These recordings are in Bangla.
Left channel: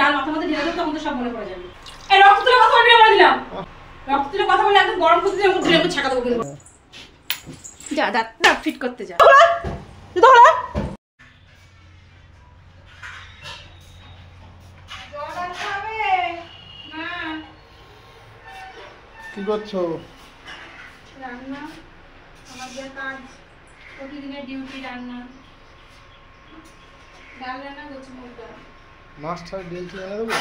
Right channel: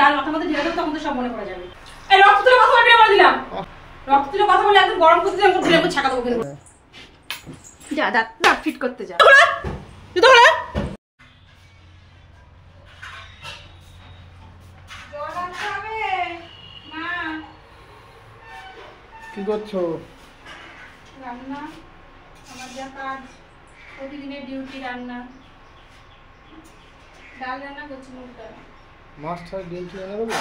ডাল মাথার মধ্যে ঢেলে দেবো তখন তো সব মনে পড়ে যাবে। এই রক্ত তুলে কথা বলবি না বলে দিলাম। রক্ত তুলে কথা বলে একদম গরম করতে যাবো ঘুরে ছাকা দেবো কিন্তু। যা দাঁত ফিট করতে যা। জুতো খোলা। কি করছো? রান্না, আমার যা কাজ, প্রতিদিনের ডিউটি রান্না। ডাল রান্না করছি মুগ ডাল। মাছ ছাড়া ডিম কি এনে দেবো?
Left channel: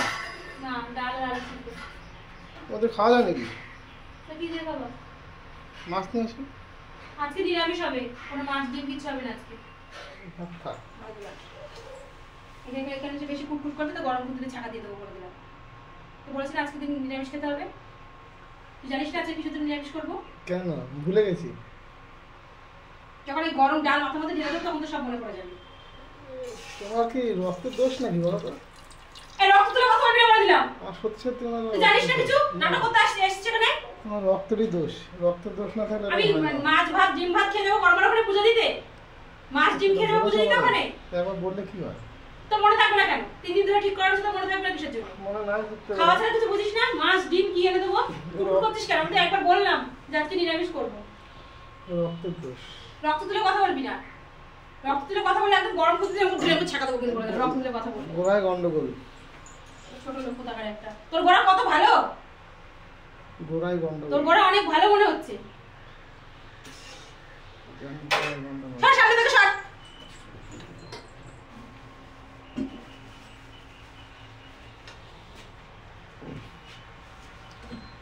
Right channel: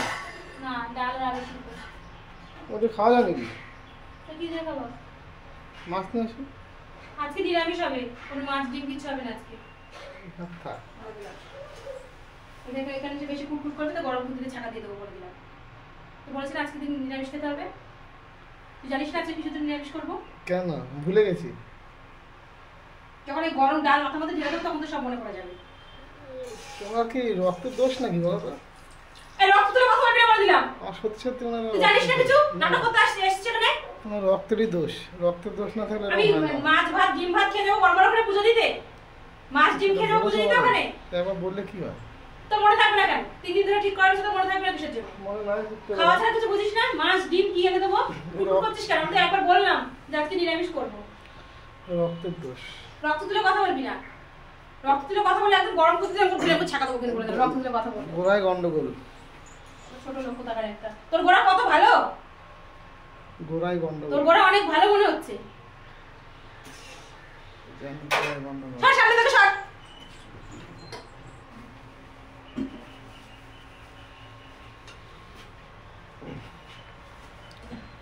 না, ডাল আর আলু সিদ্ধ। ওদের খাওয়া যায় নাকি? তো কি দিয়ে খাবো? মাছ নিয়ে আসি। আজকে নিরামিষ হবে, কোনো মাছ ডিম কিছু হবে না আজকে। এখানে যে বেশি কুটকুট করবে তো গরম দুধে ছাকা দিয়ে দেবো বলে দিলাম। তো বলেছেন আজকে দিন নিরামিষ খেতে হবে। তুই জানিস না আজকে কিছুদিন নিরামিষ করবো? কেন ভুলে গেছি? যখন এই গরম ডাল মাথার মধ্যে ঢেলে দেবো তখন তো সব মনে পড়ে যাবে। তোমার কি রক্তের দোষ নাকি বলো তো? এই রক্ত তুলে কথা বলবি না বলে দিলাম। আর সত্যি সত্যি না, তুই জানিস না কিছু? নাটক করতে এসেছিস এখানে? তোমার রক্তেরই দোষ। রক্তের দোষ না থাকলে আমি মাছ ভাত ডিম ভাত খেয়ে যাবো গরমের ওখানে পুজো দিতে। মাছ ডিম খেয়ে যাবো পুজো দিতে ওখানে। এবার বললে কি হয়? তো মনে থাকবে না কেন? 3 দিন ধরে ঠিক করা হচ্ছে তো মনে থাকবে না কিসের জন্য? মনে নাই করতে খাওয়া ছাড়া কিছু বুঝিস না? মাছ ডিম কি এনে দেবো? কুটকুট করছিস কেন? আমি তো একবার বললাম যে আজকে নিরামিষ করবো। রক্তের দোষ। রক্ত তুলে কথা বলবি না। রক্ত তুলে কথা বলে একদম গরম করতে যাবো ঘুরে ছাকা দেবো কিন্তু বলে দিলাম। রক্ত তুলে কথা বলবি। গোড়ায় গন্ডগোল। ছোট লোক কোথাকার একটা। তোর গোড়া কত ভালো? গোড়ায় গন্ডগোল। তোর গোড়া অনেক ভালো মনে হচ্ছে। সর সামনে থেকে সর।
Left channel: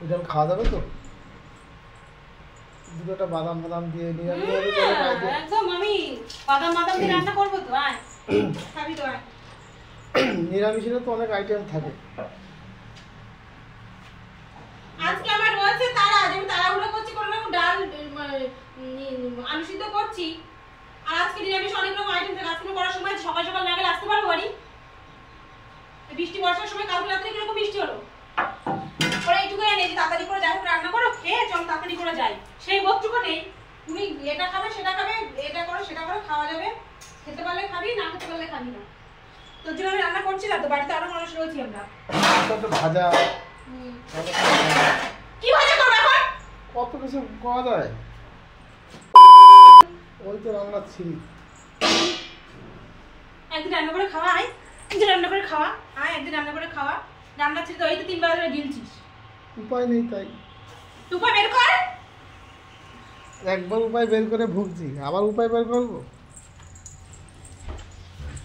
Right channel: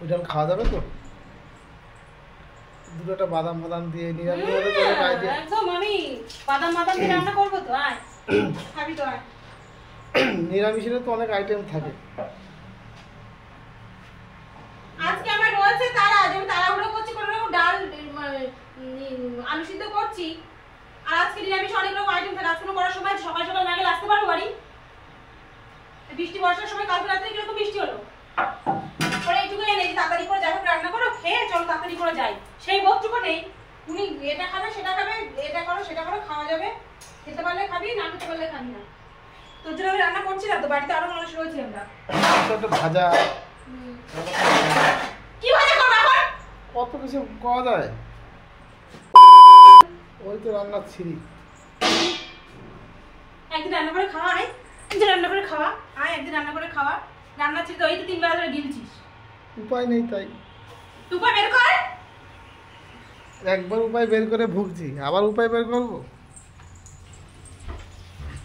ওটা খাওয়া যাবে তো? দুটোটা বাদাম বাদাম দিয়ে নিয়ে একদম আমি বাদাম দিয়ে রান্না করবো তো। আয় খাবি তো আয়। নিরামিষের তো অনেক আইটেম থাকে। আজকে আমার রয়েছে তারা, যে আমি তাড়াহুড়ো করছি কোনো রকম ডাল আলু সিদ্ধ করছি। আর আজকে নিরামিষ অনেক রকম আইটেম থাকে। আজকে করার সময় সকাল সকাল না গেলে আসতে পারবো বাড়ি? বৃষ্টি বর্ষার সময় কালকে রাত্রে কিরকম বৃষ্টি হলো? ওরা এইটুকু এনে তাড়াতাড়ি করে যাই হোক রান্না করো, খেয়ে চল তাড়াতাড়ি করে যাই। সেই বোধটুকু নেই। তুমি এটা খাবে সেটা খাবে, এটা করো সেটা করো, খাওয়া যাবে। খেতে পারলে খাবি, না খেতে পারলে খাবি না। তোর জন্য আমি রান্না করছি না তো, বাড়িতে আরো মানুষ রয়েছে আমরা। ভাজা কি ভাজা করবো এখন? কত কিছু করা যায়। ওই তো রান্না ছিল। একদিন রান্না করে খাওয়া, আয় একদিন রান্না করে খাওয়া, আয় একদিন রান্না করে খাওয়া। রান্না ছিল তো এই তো 3 বেলা ধরে গিলছিস। উপায় নেই তাই। তুই বের কর। একবার উপায় বের করে ভুগছি, আবার উপায় বের করবো?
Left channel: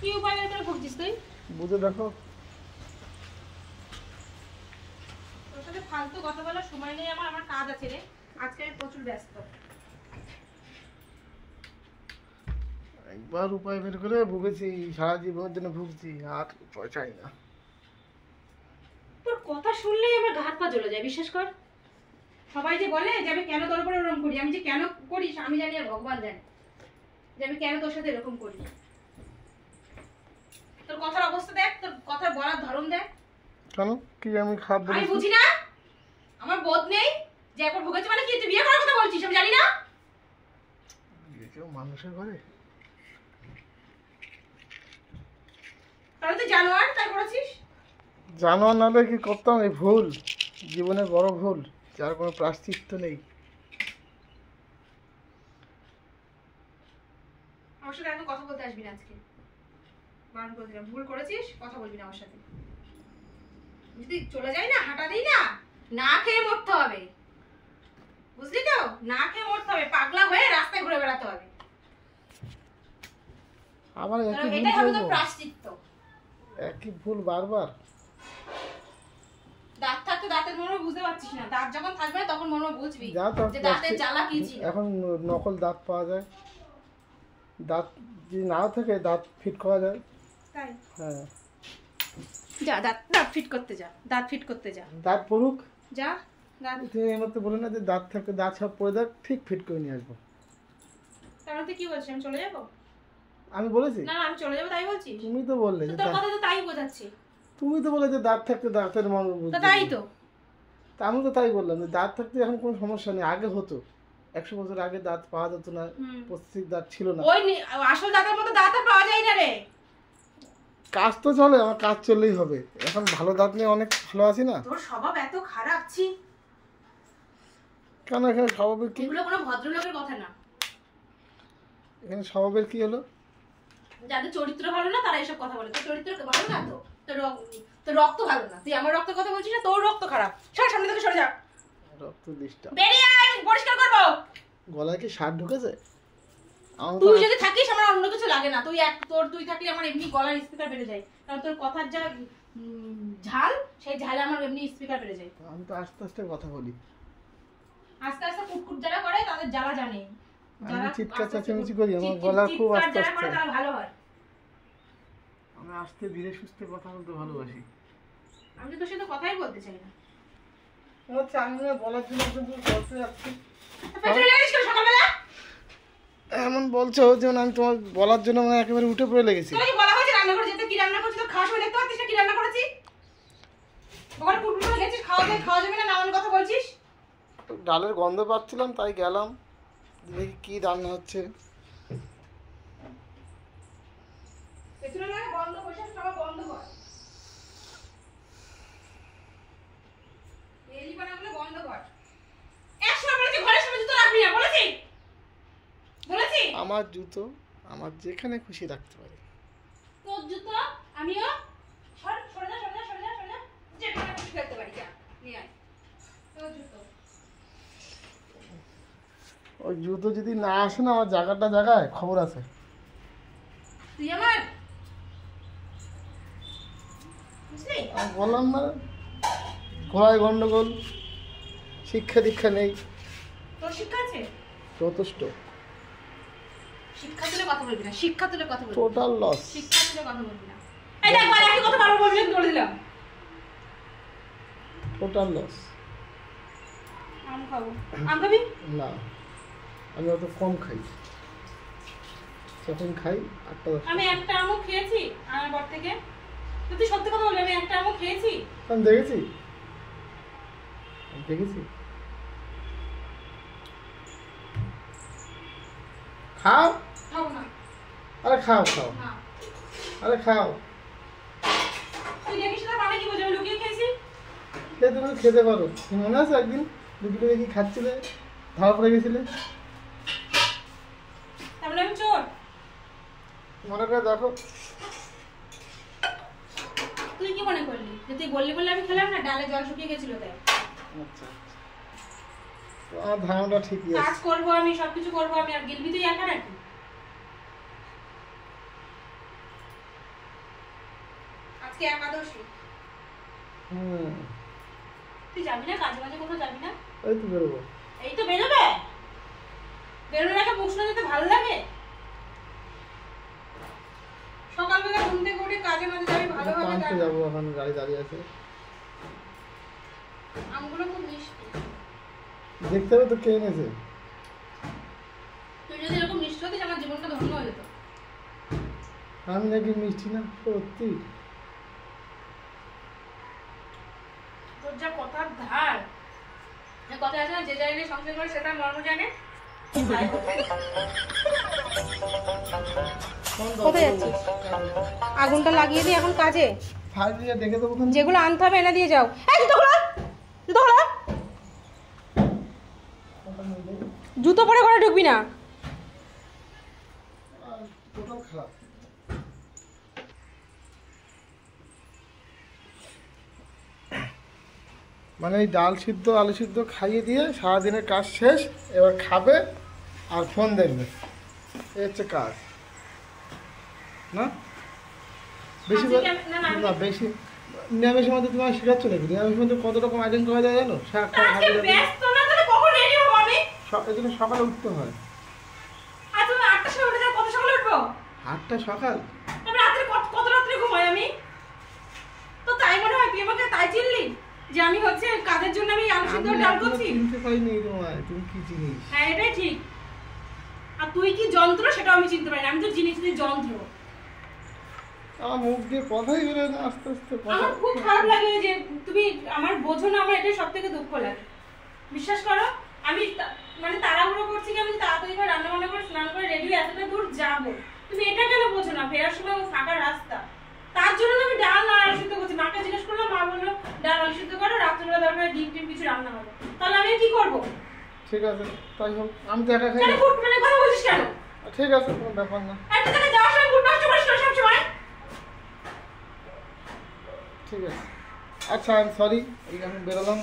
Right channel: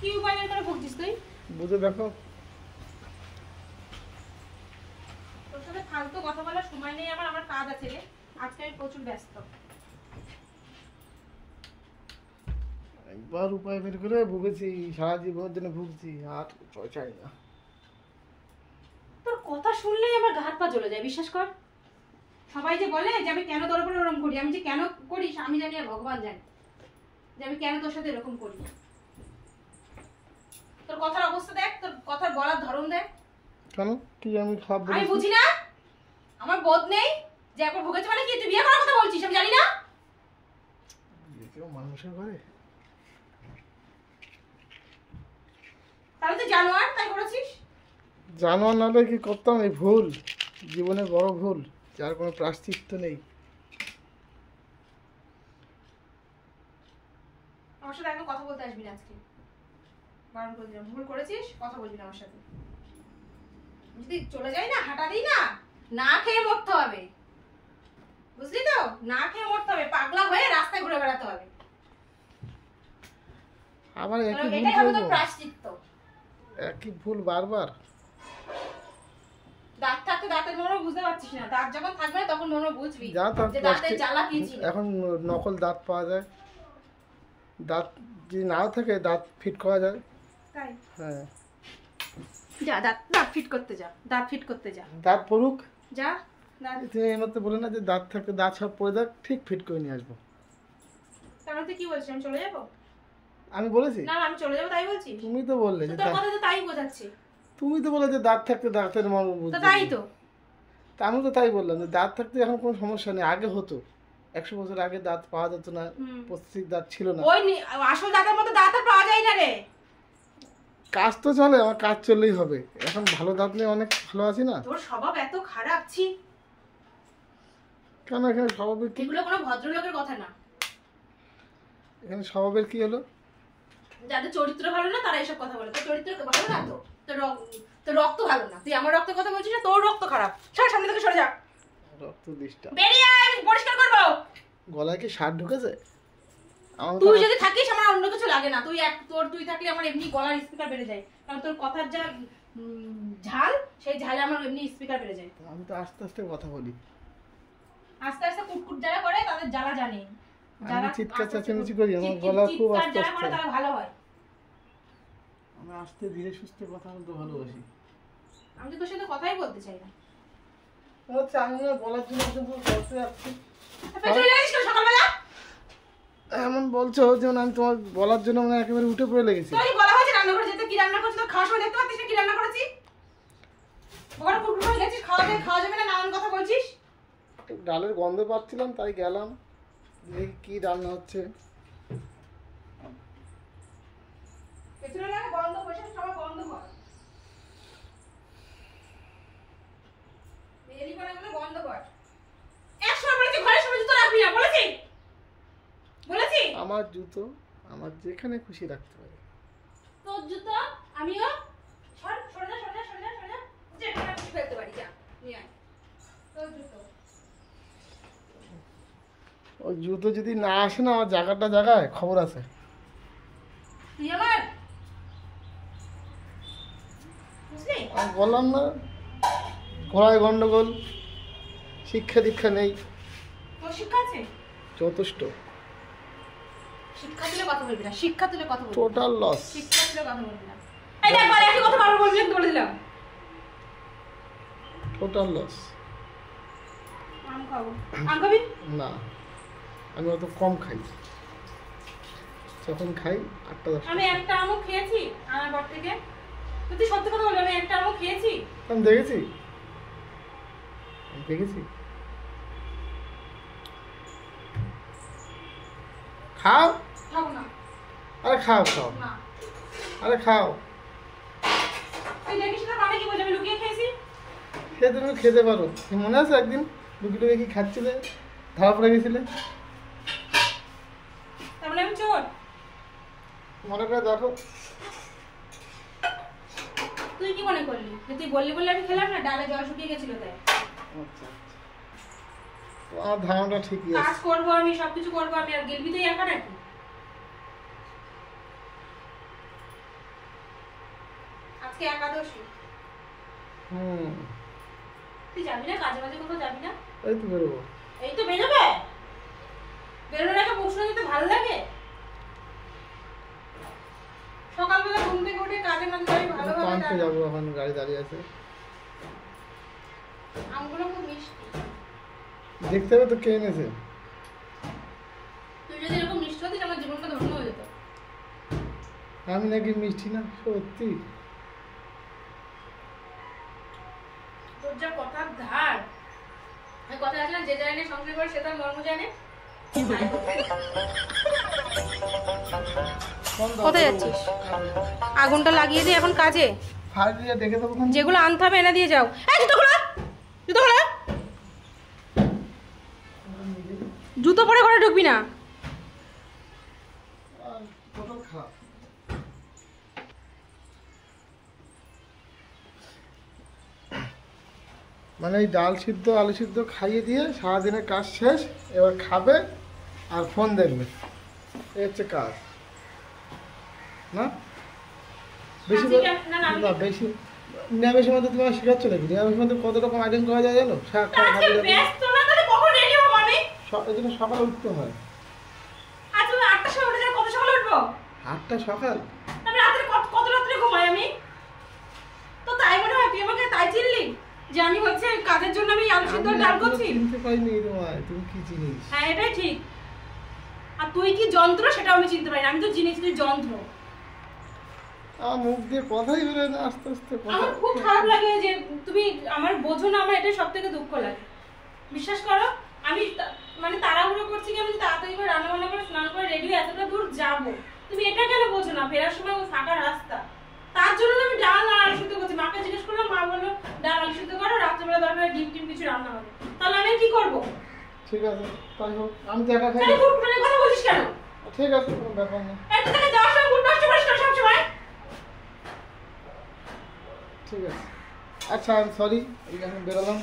কি উপায় বের করে ভুগছিস তুই? বুঝে দেখো। তোর সাথে ফালতু কথা বলার সময় নেই আমার, আমার কাজ আছে রে। আজকে আমি প্রচুর ব্যস্ত। একবার উপায় বের করে ভুগেছি, সারা জীবনের জন্য ভুগছি, আর উপায় চাই না। তোর কথা শুনলেই আমার গা হাত পা জ্বলে যায়, বিশ্বাস কর। সবাই যে বলে যে আমি কেন তোর উপরে ওরকম করি, আমি যে কেন করি আমি জানি আর ভগবান জানে যে আমি কেন তোর সাথে এরকম করি। তোর কথার অবস্থা দেখ, তোর কথার বলার ধরন দেখ। কেন কি আমি খারাপ বলি? আমি বুঝি না, আমার বোধ নেই যে একবার ভুগেছে মানে কি তুই বিয়ে করার কথা বলছিস আমি জানি না? কেউ মানুষের ঘরে তাহলে তুই জানোয়ার তাই করেছিস? জানোয়ার নাহলে কি করতাম? এই ভুল জীবনে বড় ভুল, যার কোনো প্রায়শ্চিত্ত নেই। আমার সাথে একদম কথা বলতে আসবি না আজকে, বারণ করে দিলাম। ভুল করেছিস, কথা বলবি না আমার সাথে। যদি চলে যাই না, হাঁটা দিই না, না খেয়ে মরতে হবে, বুঝলি তো? না খেয়ে মরতে হবে, পাগলা হয়ে রাস্তায় ঘুরে বেড়াতে হবে। আবার একই ভুল এটাই হবে তোর করবো? প্রায়শ্চিত্ত। একই ভুল বারবার। দাঁত থাকতে দাঁতের মর্ম বুঝতে পারছিস না, দাঁত যখন থাকবে না তখন মর্ম বুঝবি যা তো যে দাঁতের জ্বালা কি ছিল। এখন নকল দাঁত পাওয়া যায়, দাঁত যদি নাও থাকে দাঁত ফিট করা যায়। তাই? হ্যাঁ, যা দাঁত ফিট করতে যা, দাঁত ফিট করতে যা। দাঁত পড়ুক। যা দাঁত। তুমি এই মতো বলে না যে দাঁত থাকতে দাঁত সব পড়ে দেখ, ঠিক ফিট করে নিয়ে আসবো। তার মধ্যে কি বলছিস আমি চলে যাবো? আমি বলেছি? না আমি চলে যাবো তাই বলছিস? তুমি তো বললে যে তোর কথা তো তাই বোঝাচ্ছে। তুমি তো বলে যে দাঁত থাকতে দাঁতের মর্ম বুঝতে। তাই তো। তা আমি তো তাই বললাম যে দাঁত থাকতে এখন কোনো সমস্যা নেই। আগে হতো, 100 বছর আগে দাঁত পাওয়া যেত না, প্রত্যেক দাঁত ছিল না। ওই আসল দাঁতের মতো দাঁত আর পাওয়া যায় না রে। কাজ তো চলে, আমার কাজ চললেই হবে। এখন ভালো দাঁত নিয়ে অনেক ভালো আছি না। তোর স্বভাব এত খারাপ ছি। কেন এখানে স্বভাবের কি? এগুলো কোনো ভদ্রলোকের কথা না। এখানে স্বভাবের কি হলো? যাদের চরিত্র ভালো না তারা এসব কথা বলে। তোর চরিত্র ভালো না তো, তোর রক্ত ভালো না। তুই আমার রক্তের কথা বলছিস না, তোর রক্ত খারাপ। সর সামনে থেকে সরে যা। রক্ত ডিস্টার্ব। বেরিয়ে আয়, আমি পরিষ্কার করবো। গলায় কি সার ঢুকেছে? তুই যদি থাকিস আমার অন্য কিছু লাগে না। তুই থাকলে আমার এমনি গলার স্পিকার বেড়ে যায়, কারণ তোর কথার যা ঝাল, সেই ঝালে আমার এমনি স্পিকার বেড়ে যায়। আমি তো আস্তে আস্তে কথা বলি। আস্তে আস্তে কুটকুট যারা করে তাদের জ্বালা জানে। আমি চিৎকার চেঁচামেচি করি, আমার গলা খুব আস্তে আস্তে। তারা ভালো হয়। আমি আস্তে ধীরে সুস্থে কথা বলতে ভালোবাসি। আমি তো তোর সাথে কথাই বলতে চাই না। আচ্ছা, আমি বলার জন্য কিন্তু করতে যাচ্ছি। সকালবেলা এমন বলছো যেমন আমি তোমার বলার জন্য মানে একেবারে উঠে পড়ে লেগেছি। তুই বলা হয়েছে রান্না করে যেতে, কি রান্না করছিস? তো খাওয়ার সময় দেখতে পাচ্ছিস না কি রান্না করেছি? ওখানে কুটকুট করে গেছিস, খাওয়া যাবে না, নানান কথা বলছিস। ডালের গন্ধ পাচ্ছিলাম তাই গেলাম, দেখি কি রান্না হচ্ছে। পেছনে লাগে বন্ধ, বসে খাওয়া বন্ধ কর। রেলি বানাগুলো বন্ধ কর। একসময় বলেছি ঘরের সামনে জুতো রাখবি না, বলেছি। আমার জুতো আমার যেখানে খুশি রাখতে পারি। তোর জুতো আমিও সরে যা যেখানে খুশি ফেলতে পারি, যা নিয়ে আয় তোর জুতো। ওই জুতো যদি না আসে না, আমার জায়গায় খবর আছে। তুই আমার বুঝলি? আমি বললাম না, ঘোড়ায় গন্ডগোল, শিক্ষা দীক্ষা নেই। তোর শিক্ষা আছে? যথেষ্ট। শিক্ষা তুলে কথা বলবি না, শিক্ষা তুলে কথা বলবি না। Total loss. শিক্ষা তুলে কথা বলবি না। এই দেখ ভাই, একই কথা বারবার বলবি, বলে দিলাম। Total loss. আম খাবো। আম খাবি? না, আমি অত কম খাই। যখন খাই 8টা-10টা। আমি একটা আমও খেয়েছি আমার বাড়ি থেকে। তুই সত্যি কথা বলবি, আমি একটা আমও খেয়েছি। আমি দেখেছি। খাও। খাবো না। আরে খাও। না। আরে খাও। তুই দেখিস না আমি কি বলছি, আমি লুকিয়ে খেয়েছি। তুমি খেতে পারো। মনে আছে একদিন লুকিয়ে কি খাচ্ছিলে, ধরা পড়ে গেছিলে? তারপরে আমি চোর? মনে করে দেখো। তুই কি মনে করলি যে তুই বললি বলে আমি খেলাম না? ডালে জল শুকিয়ে গেছিল তাই। আচ্ছা, আমার ধারণাটা ঠিকই আছে। কাজ করবো আমি, সবকিছু করবো আমি, আর গেলবি তুই একা নাকি? আজকে একাদশী। তুই যাবি না কাজে বাজে, কোথাও যাবি না? এই তো বেরোবো। এই তো বেরোবে? বেরোনোর আগে প্রশ্ন দিতে ভালো লাগে? সকালবেলা ঘুম থেকে উঠে কাজে মাঝে যাবি ভালোভাবে। পাঁচটা যাবো, এখন গাড়ি দাঁড়িয়ে আছে। আমগুলো খুব মিষ্টি। দেখতে হবে তো কে এনেছে। তুই যদি এরকম মিষ্টি হতিস আমার জীবনটা ধন্য হয়ে যেত। আমি নাকি মিষ্টি না? সত্যি? তোর যা কথার ধার, কথা আছে না, যে জানে সংসার করে সেটা মর্ম জানে। কোথায় যাচ্ছিস? আগুনটা লাগিয়ে দিয়ে এখন কাজে। দেখে দেবো। যেগুলো আনতে হবে এনে দিয়ে যাও। জুতো পরে ঘরে ঢুকবি না। মানে এই ডাল সিদ্ধ আলু সিদ্ধ খাইয়ে দিয়ে সারাদিনের কাজ শেষ, এবার খাবে আর ফোন দেখবে, এই হচ্ছে কাজ না? বেশি না, বেশি নিরামিষের মধ্যে তোমার শেখাচ্ছ নাকি? নিরামিষের মধ্যে কত রকম আইটেম করা যায় জানো? শাক খাওয়া ভালো যাবে, এই জন্য সকালে উঠতে হয়। 8টা সকাল? যে আমি হচ্ছে কাজের জন্য আমি আলু সিদ্ধ ডাল করছি। চিনতে পারিনি তোমায়, তুমি কি জিনিস? হ্যাঁ এটাই ঠিক। আর তুই কি যন্ত্র সেটাও আমি চিনতে পারি না। আমি তো জিনিস, তুই যন্ত্র। আমার মুখ দিয়ে কথাই বেরোয় না, আস্তে আস্তে আমার খুব খারাপ লাগে যে তুমি আমার বোঝো না। আমার এটাই সবথেকে দুঃখ লাগে, বিশ্বাস করো। আমি মানে তাড়াহুড়ো করছি কি, আমি তাড়াতাড়ি করে রান্না বান্না করে স্নান করে রেডি হয়ে এতটা দূর যাবো, তুমি এটা কেন বোঝো না? ফেরার সময় ফাঁকা রাস্তা, তার জন্য না আমি ডাল আর আলু সিদ্ধ করছি। মাকে জিজ্ঞেস করলাম, মা বললো ডাল আলু সিদ্ধ করো, রাত্রেবেলা দরকার ডিম টিম কিছু রান্না হবে। তাহলে আমি কি করবো? ঠিক আছে তাই হোক, আমি তো একা খাই। তাহলে ফুটফুটে কথা বলছিস কেন? ঠিক আছে কোনো ব্যাপার না। একটা থেকে যাওয়ার সময় ফুট নষ্ট করিস না সবসময়। ঠিক আছে আচ্ছা, আমি সরি, এই আমি বেরোলাম।